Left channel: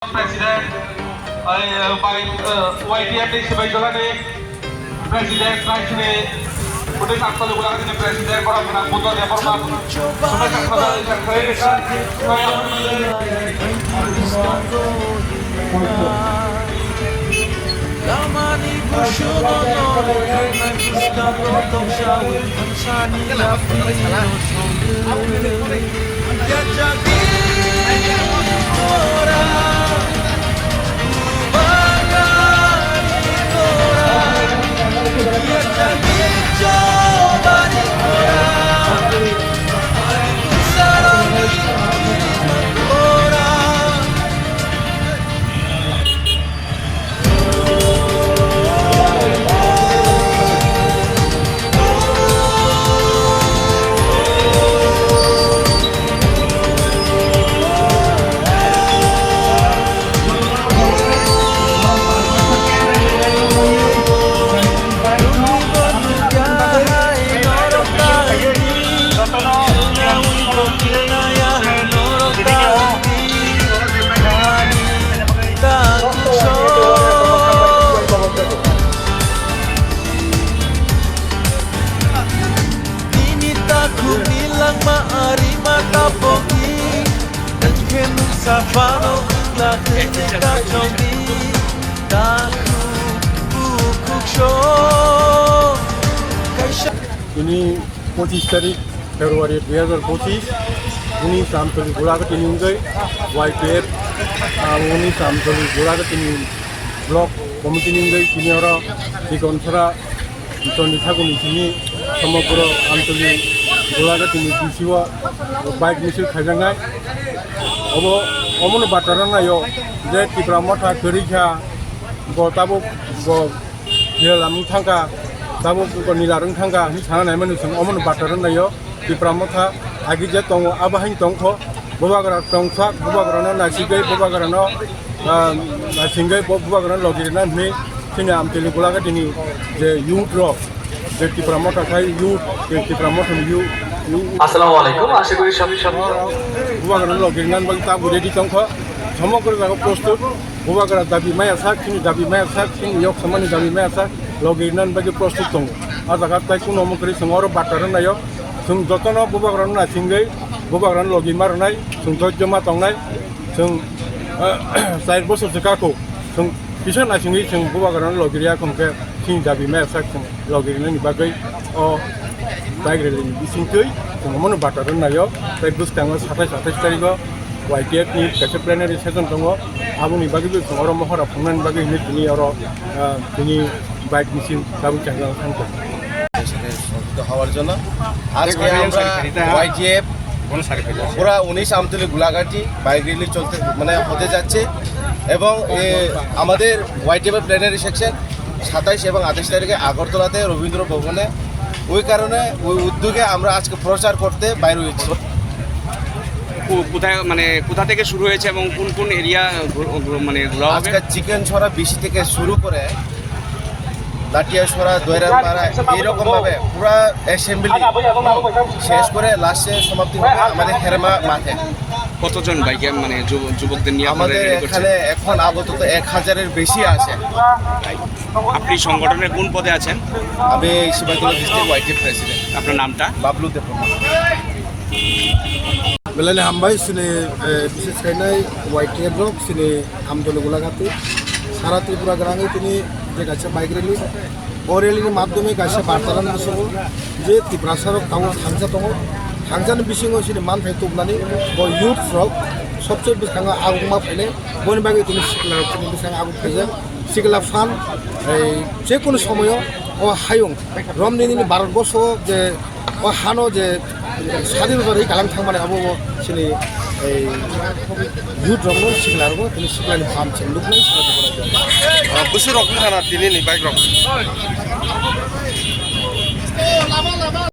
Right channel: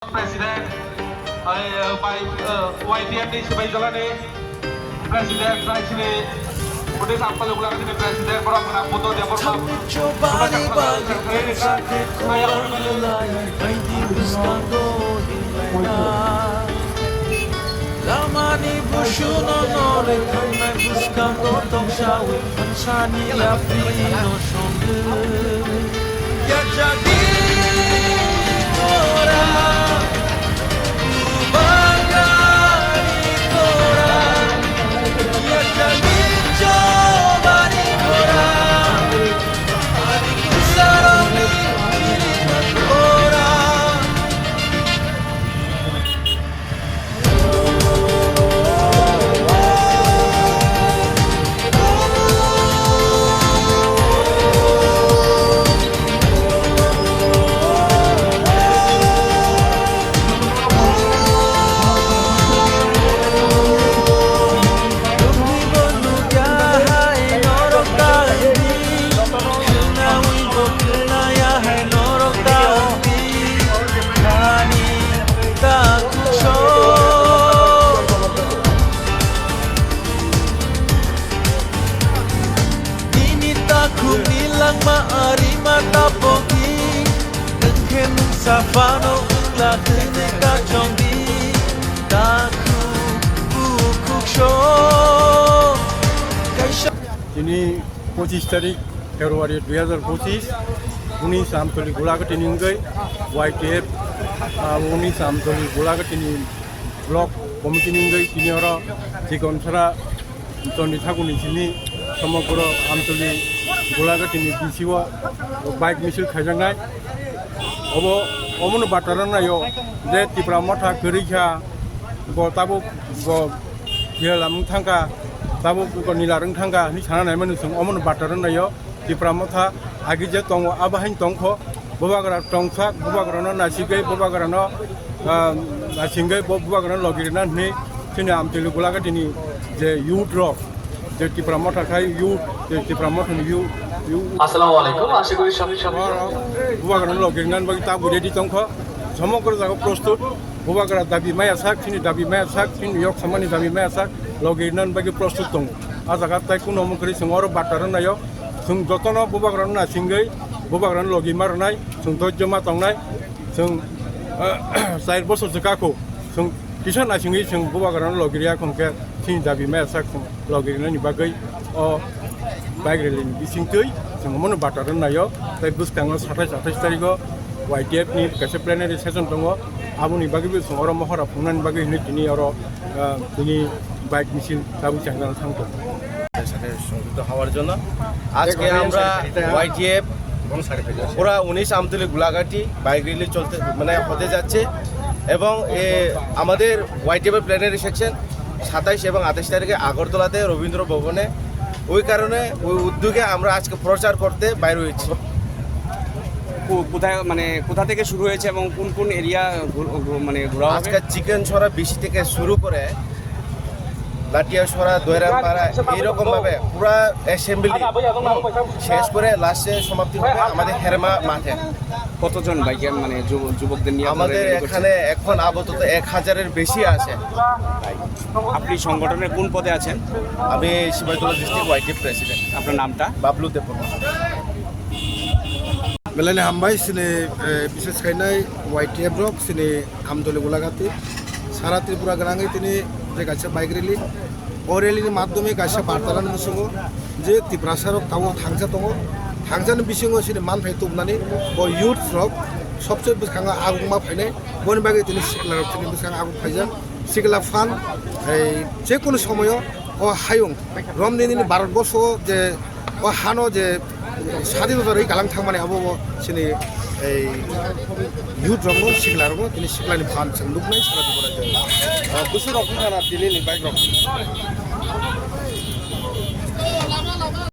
Presiden paling YDN di sebagai jalan ini Presiden naik sini kemudian asal ulang ini Presiden para penakut dia para coba dibagi sakit orang lain Haiti buscando Jimena Lamani bushuno nore Tanai buscando Tokshawi Hansani Afrino Sonde Ya jadi Ora Maari matapogi Dengken safano Lakene kachongi Taku bukuk show Ini 25 तारिख Februari 2025 उनी सामतली गुलाग तिनिंग YPF उनी सामतली गुलाग तिनिंग block committee निंग तिनि हरा दिगंथरा तनि थागुनि तिनि समग्र आमतली गुलाग तिनि बिसिवा bike missile खायजानाय अमन बाटारा नायो जे तिब्रा मथा पेरिखा गताबो हिलाम थांगा ताबो निलारं थांगा नि साना नाय मानु सं अमन बाटारा नायो तिब्रा मथा आगिजे दङ आबाहाय दंथ बुबागरा दंथा बुबागरानो नासिगे बुबागरानो नासिगे बुबागरानो लगिरना नि सिनि आमतली गुलाग तिनि जे युथ रो যে টিপ্রামটা খাই টিপ্রামটা Assalamualaikum আশা করি সবাই বুবাগরা লগিনান বাকি তা রেডি তংখ সমগ্র জায়গা প্রস্তুত বুবাগরা দাবি মায়া সাক খিনি yok samani dabi maya sak লগিনান বাকি প্রস্তুত দং আ জায়গা তাই কোনো মকরি সমর বাটার নাयो जों যতন বুবাগরা না সিংগै বুবাগরা লগি মারনাय जों ধৈর্যমা তংনাय जों 4 বছর জায়গাखौ जों बिसोर नासिङै जों बुबागरा लगिरिया खंखे सिनि दाबि माया sak लगिरिनानि बागै बाइक रेलिनि बिसिंथै जों मनो बाटार नायो बाइक बुसखाङो 27 तारिखआव YTF नि केसे प्लेनारि सेसन दङ आबुनि बागैबो जों अर महरा फुंनानि बागै नि अर नि बाइक मिसिन दाबु चांगा थांगोन হওয়ার জন্য আজকে আমরা YTF পুরা 19 আমতলী গোলাঘাটি বাইক র্যালি চলতে মানে হতে যাচ্ছে এবং আমাদের YTF প্লেনারি সেকশন 27 এবং 28 তারিখে আগরতলাতে রবীন্দ্র ভবনে ওই কারণে ওই উদ্যোগে আমরা আজকে প্রচার করতে বাইর হয়েছি কোথায় মানে কোথা থেকে শুরু হয়েছে এবং কোন কোন এরিয়া মানে ঘোরা হবে আজকে চিকেন ছড়া বেশি থেকে শুরু করে লাটিয়া ছড়া দৈরাপাড়া এইরকম ভাবে পুরা অ্যাসেম্বলি শেষ করে লাস্টে সমাপ্তি আমাদের হেরমা মাঠে কতজন বাইকে মানে যুবকদের নিয়ে আমাদের এখানে এখন আপাতত 1000-এর বেশি আছে আপনি সংগঠনের কোন পদে আছেন আমি শিবাজী ডিস্ট্রিক্ট YTF প্রেসিডেন্ট আপনার নামটা Bablu Debpur Melani hambai sini bisnis kainai YTF blok sini amtoli golagati সারা ত্রিপুরা গ্রামে তিনি যে কাছে বাইক র্যালি ও র্যালির মাধ্যমে কাছে বার্তালান নাসঙ্ग যে ত্রিপুরাসারক তাও থাংজা দङ থাংজাनि बिसिङाव सिनि मान फै तबनानै ब युथ फ्रक सबसे बिखाङा आगुमा फैले बनि बागै তিনি सिकला তিনি बिखाङा आगु फैजा सिकला फान এই যে কোনো সময় ও হায়ং রমদিনি ভারতবর্ষ যে ও হানো যে স্বাধীনতার গালাं थांमाने आबो सिनि এই youth rong sigla rong tini sigla ni pham chim luk nai sigla kora busur rok ni kana tini ni bike rok